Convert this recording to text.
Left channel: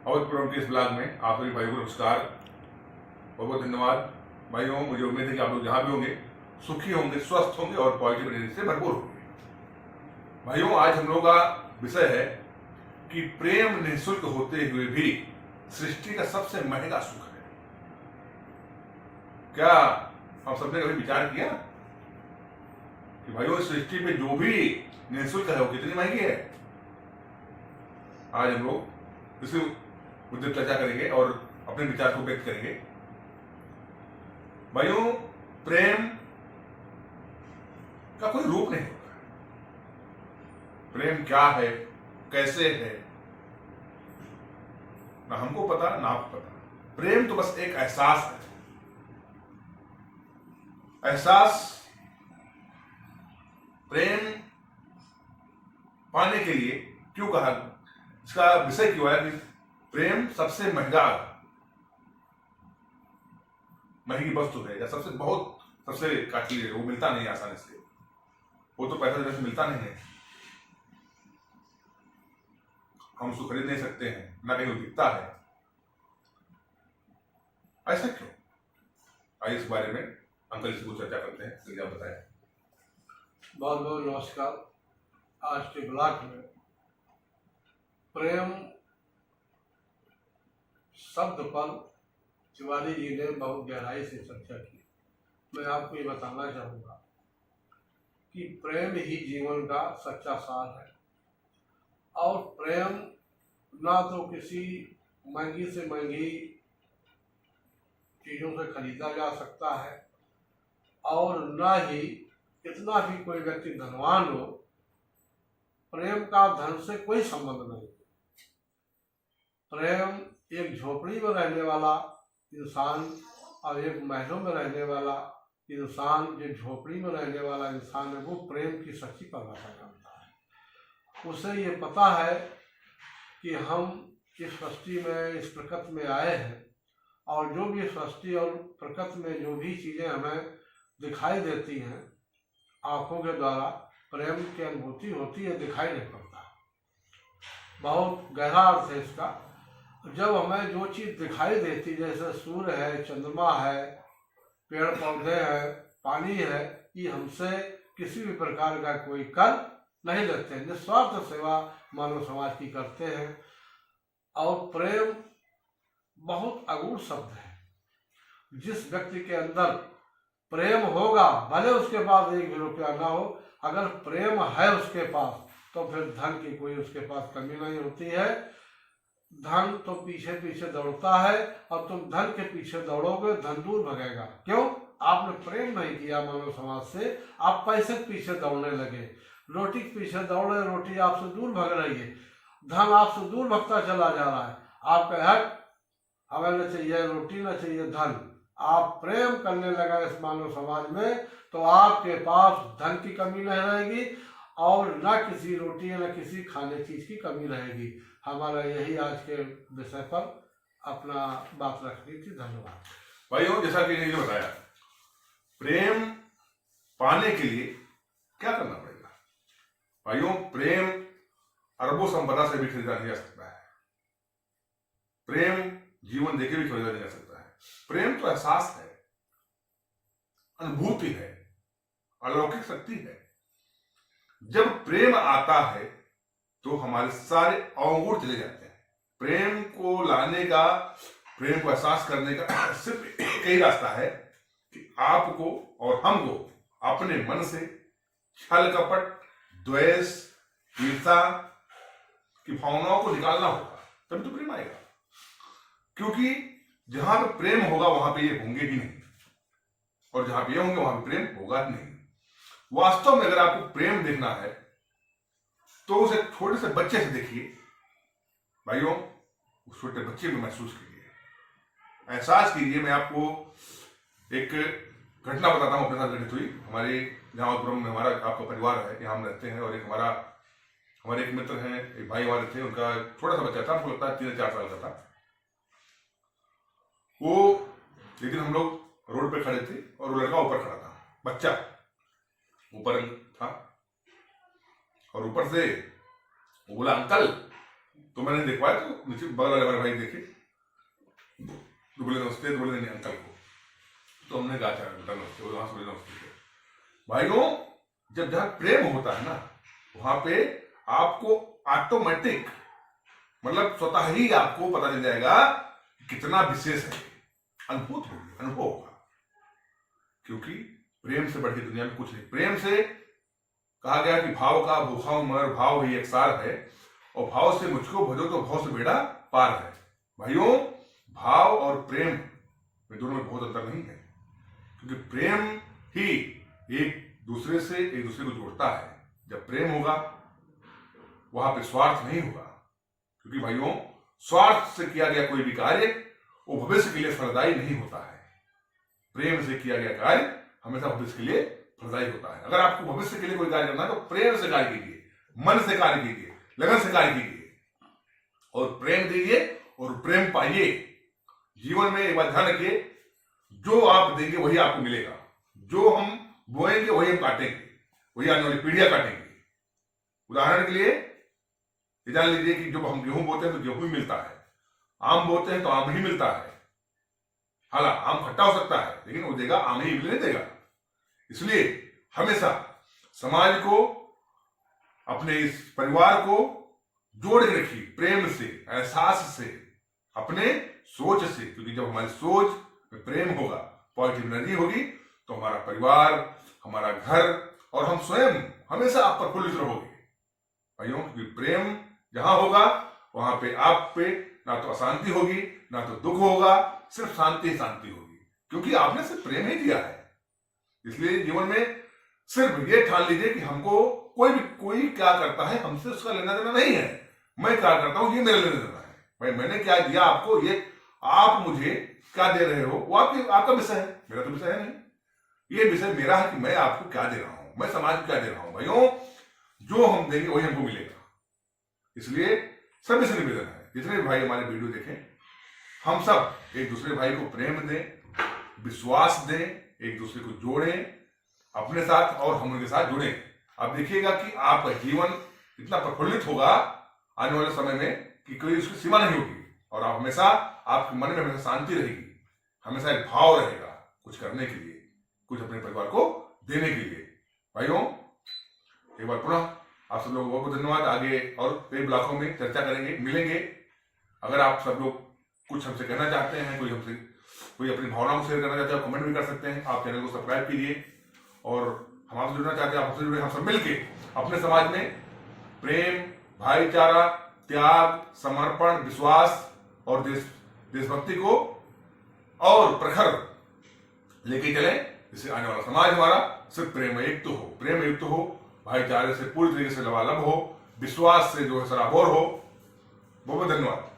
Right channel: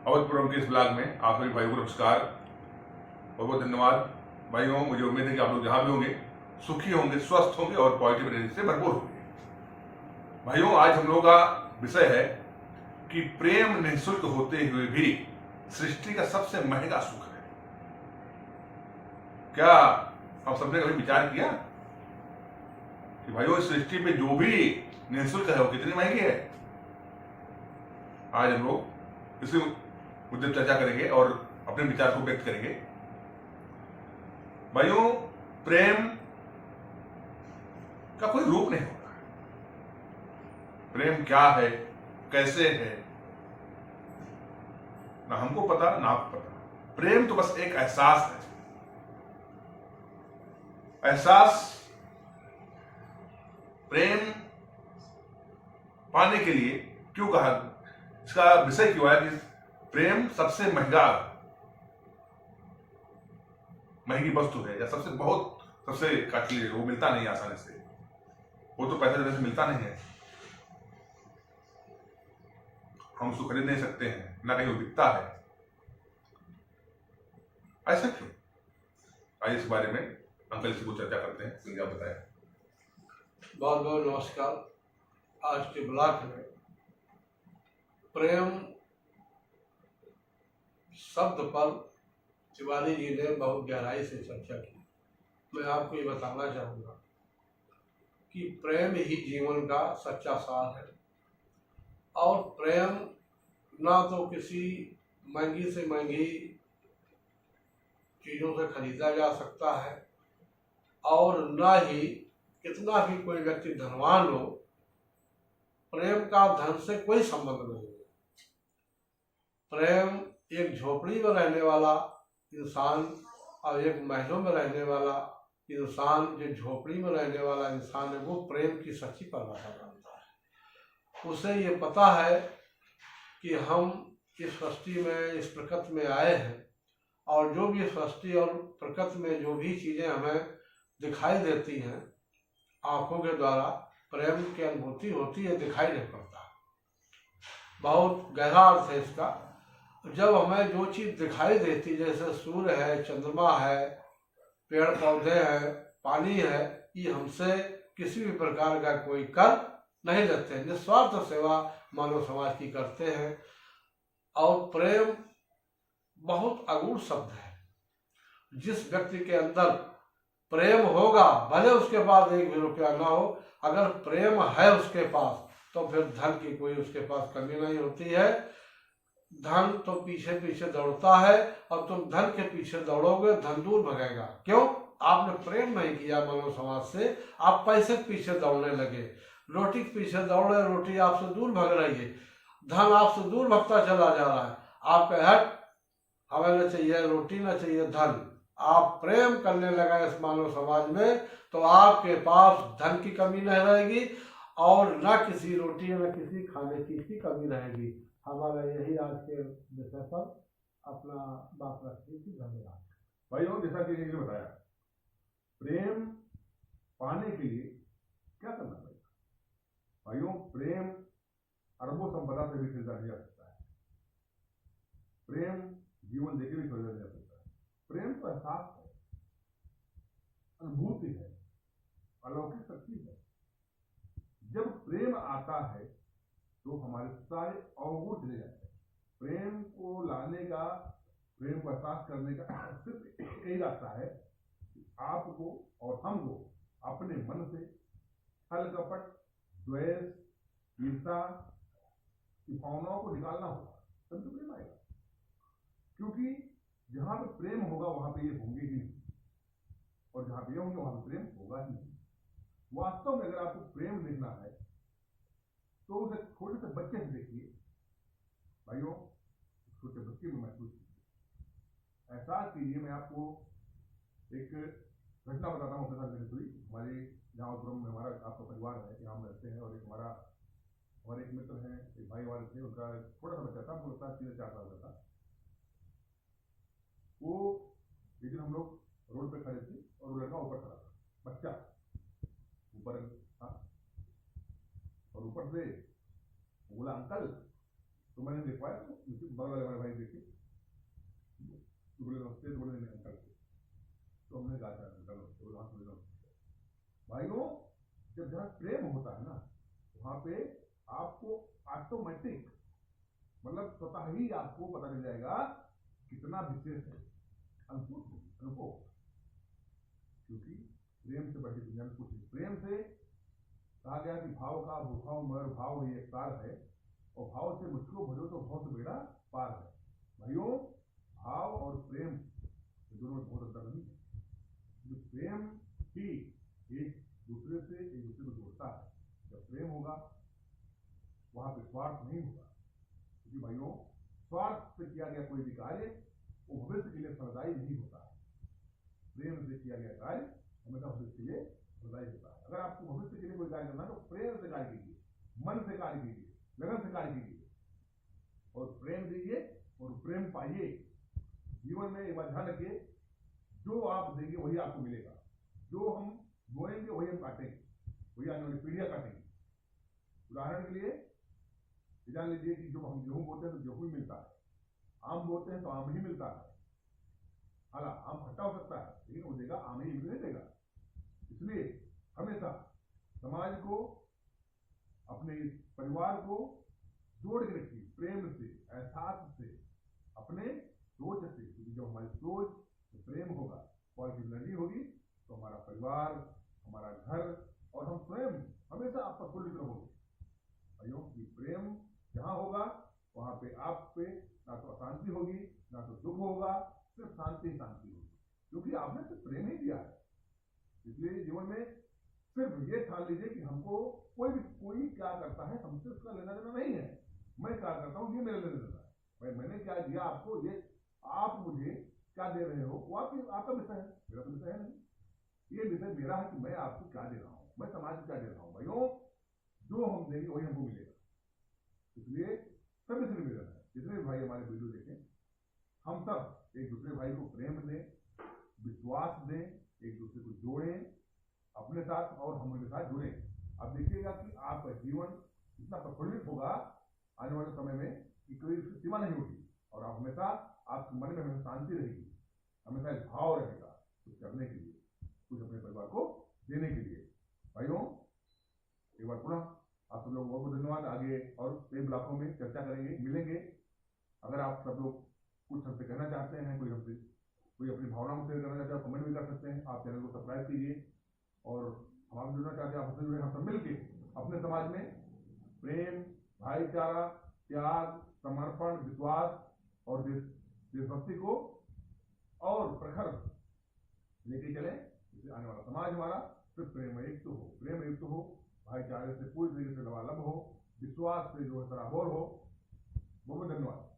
अवधपुरम के इस ब्लॉग में आप सभी भाइयों को नमस्कार, बहुत बहुत धन्यवाद। भाइयों, मुझे उम्मीद है कि आप लोग जहाँ भी होंगे सुखी होंगे, स्वस्थ होंगे और पॉजिटिव एनर्जी से भरपूर होंगे। भाइयों, आज हम लोगों का विषय है कि प्रेम निःशुल्क होते हुए भी सृष्टि का सबसे महंगा सुख है। क्या हम सबने कभी विचार किया कि भाइयों इस सृष्टि पे जो भी निःशुल्क है वो कितनी महंगी है? आज हम लोग इसी मुद्दे पर चर्चा करेंगे और अपने विचार को व्यक्त करेंगे। भाइयों, प्रेम का कोई रूप नहीं होता है। प्रेम क्या है, कैसे है, ना हमको पता ना आपको पता। प्रेम तो बस एक एहसास है। एहसास, प्रेम पाने के लिए क्यों कहा, इसका विषय क्यों है कि प्रेम सबसे महंगी वस्तु है, या सबसे काटली है। वो मिलता नहीं आसानी से, वो तो पैसा देने से मिलता नहीं है। हम उसको खरीद नहीं सकते हैं, ना कहीं वो दिखता है। ऐसा क्यों? आइए इस बारे में अंकल से कुछ चर्चा करते हैं। आप बताएं। बहुत बहुत नमस्कार। आज के ब्लॉग में प्रेम शब्द पर शिवाजी जी ने बहुत गहराई से चर्चा की। मैं आपको ये बताना चाहूँगा कि प्रेम ही जीवन का सच्चा सार है, और प्रेम ना तो किसी महंगी से महंगी चीज़ों से खरीदा जा सकता है, और ना ही कितना भी कोई व्यक्ति धनवान हो, प्रेम का धन से कोई संबंध नहीं है। प्रेम एक झोपड़ी में रहने वाला इंसान और एक महलों में रहने वाला इंसान, जो झोपड़ी में रहने वाला इंसान है, वो प्रेम की सच्ची परिभाषा जानता है। उसे ये पता है कि हम इस सृष्टि में, इस प्रकृति में आए हैं, और जो भी सृष्टि और प्रकृति में जो भी चीज़ें हमें दिखाई देती हैं आँखों के द्वारा, प्रेम की अनुभूति होती है, दिखाई नहीं पड़ता। बहुत गहरा अर्थ है इसका। जब हमें जो चीज़ दिखाई देती, जैसे सूर्य है, चंद्रमा है, पेड़ पौधे हैं, पानी है, ये हमसे किसी भी प्रकार का कोई कर नहीं लेते हैं, निस्वार्थ सेवा मानव समाज की करते हैं। और प्रेम बहुत अगूढ़ शब्द है। जिस व्यक्ति के अंदर प्रेम होगा, भले उसके पास एक भी रुपया ना हो, अगर प्रेम है उसके पास, तो फिर धन की कोई उसके पास कमी नहीं होती है। धन तो पीछे पीछे दौड़ता है, और तुम धन के पीछे दौड़ोगे, धन दूर भगेगा। क्यों? आपने प्रेम नहीं किया मानव समाज से, आप पैसे के पीछे दौड़ने लगे, रोटी के पीछे दौड़ रहे, रोटी आपसे दूर भग रही है, धन आपसे दूर भगता चला जा रहा है। आप कहे हमें न चाहिए रोटी, न चाहिए धन। आप प्रेम करने लगा इस मानव समाज में, तो आपके पास धन की कमी नहीं रहेगी, और न किसी रोटी न किसी खाने चीज की कमी रहेगी। हमारा यही आज के विषय पर अपना बात रखनी थी। धन्यवाद। भाइयों, जैसा कि ने बताया, प्रेम पाने के लिए क्या करना पड़ेगा? भाइयों, प्रेम अरबों संपदा से भी खरीदा नहीं जा सकता है। प्रेम जीवन देके भी खरीदा नहीं जा सकता है। प्रेम तो एहसास है, अनुभूति है, अलौकिक शक्ति है। जब प्रेम आता है तो हमारे सारे अवगुण चले जाते हैं। प्रेम को लाने का, प्रेम को एहसास करने का सिर्फ एक ही रास्ता है कि आपको और हमको अपने मन से छल कपट, द्वेष, ईर्ष्या की भावनाओं को निकालना होगा, तभी तो प्रेम आएगा। क्योंकि जहां पे प्रेम होगा वहां पे ये होंगे ही नहीं, और जहां पे ये होंगे वहां पे प्रेम होगा ही नहीं। वास्तव में अगर आपको प्रेम देखना है तो उसे छोटे से बच्चे से देखिए। भाइयों, उस छोटे बच्चे में महसूस कीजिए, एहसास कीजिए। मैं आपको एक घटना बताता हूँ, अपने साथ घटित हुई। हमारे जहाँ अवधपुरम में हमारा आपका परिवार है, यहाँ हम रहते हैं, और हमारे एक मित्र हैं, एक भाई हमारे थे, उनका छोटा सा बच्चा था, हमको लगता है 3-4 साल का था। वो एक दिन हम लोग रोड पे खड़े थे, और वो लड़का ऊपर खड़ा था, बच्चा ऊपर था, और ऊपर से वो बोला अंकल। तो मैंने देखवाया, तो नीचे बगल वाले हमारे भाई देखे, तो बोले नमस्ते, तो बोले नहीं अंकल को, तो हमने कहा अच्छा बेटा नमस्ते, वहां से बोले नमस्ते। भाइयों, जब जहां प्रेम होता है ना, वहां पे आपको ऑटोमेटिक मतलब स्वतः ही आपको पता चल जाएगा कितना विशेष है, अनुभव होगा। क्योंकि प्रेम से बढ़ के दुनिया में कुछ नहीं। प्रेम से कहा गया कि भाव का भूखा हूं मगर भाव ही एक सार है, और भाव से मुझको भजो तो भाव से बेड़ा पार है। भाइयों, भाव और प्रेम में दोनों में बहुत अंतर नहीं है, क्योंकि प्रेम ही एक दूसरे को जोड़ता है। जब प्रेम होगा वहां पे स्वार्थ नहीं होगा, क्योंकि भाइयों स्वार्थ से किया गया कोई भी कार्य वो भविष्य के लिए फलदायी नहीं होता है। प्रेम से किया गया कार्य हमेशा भविष्य के लिए फलदायी होता है। अगर आपको भविष्य के लिए कोई कार्य करना है तो प्रेम से कार्य कीजिए, मन से कार्य कीजिए, लगन से कार्य कीजिए और प्रेम दीजिए और प्रेम पाइए। जीवन में एक बात ध्यान रखिए, जो आप देंगे वही आपको मिलेगा। जो हम बोएंगे वही हम काटेंगे, वही आने वाली पीढ़ियां काटेंगे। उदाहरण के लिए ये जान लीजिए कि जब हम गेहूं बोते हैं तो गेहूं ही मिलता है, आम बोते हैं तो आम ही मिलता है। हालांकि आम खट्टा हो सकता है लेकिन वो देगा आम ही नहीं देगा। इसलिए हमेशा समाज को, अपने इस परिवार को जोड़ के रखिए प्रेम से, एहसास से, अपने सोच से। क्योंकि जब हमारी सोच में प्रेम होगा, पॉजिटिव एनर्जी होगी, तो हमारा परिवार, हमारा घर और हम स्वयं हमेशा आप प्रफुल्लित रहोगे। भाइयों, क्योंकि प्रेम जहां होगा वहां पे आप पे ना तो अशांति होगी ना तो दुख होगा, सिर्फ शांति ही शांति होगी, क्योंकि आपने सिर्फ प्रेम ही दिया है। इसलिए जीवन में सिर्फ ये ठान लीजिए कि हमको कोई क्या करता है हमसे उसका लेना देना नहीं है, मैं क्या करता हूं ये मेरा लेना देना है। भाई मैंने क्या दिया आपको, ये आप मुझे क्या दे रहे हो वो आपका विषय है, मेरा तो विषय है नहीं। ये विषय मेरा है कि मैं आपको क्या दे रहा हूं, मैं समाज को क्या दे रहा हूं। भाइयों, जो हम देंगे वही हमको मिलेगा। इसलिए सभी से निवेदन है, जितने भी भाई हमारे वीडियो देखें, हम सब एक दूसरे भाई को प्रेम दें, विश्वास दें, एक दूसरे को जोड़ें अपने साथ और हम उनके साथ जुड़ें। अब देखिएगा कि आपका जीवन इतना प्रफुल्लित होगा आने वाले समय में कि कोई उसकी सीमा नहीं होगी, और आप हमेशा, आपके मन में हमेशा शांति रहेगी, हमेशा एक भाव रहेगा कुछ करने के लिए, कुछ अपने परिवार को देने के लिए। भाइयों, एक बार पुनः आप सब लोगों को बहुत धन्यवाद। आगे और कई ब्लॉकों में चर्चा करेंगे, मिलेंगे। अगर आप सब लोग कुछ हमसे कहना चाहते हैं, कोई अपनी भावनाओं को शेयर करना चाहते हैं, कमेंट भी कर सकते हैं। आप चैनल को सब्सक्राइब कीजिए, और हम आपसे जुड़ना चाहते हैं, आप हमसे जुड़े, हम सब मिलके अपने समाज में प्रेम, भाईचारा, त्याग, समर्पण, विश्वास और देशभक्ति को और प्रखर लेके चले। इससे आने वाला समाज हमारा सिर्फ प्रेम युक्त हो, भाईचारे से पूरी तरीके से लबालब हो, विश्वास से जो है सराबोर हो। बहुत बहुत धन्यवाद।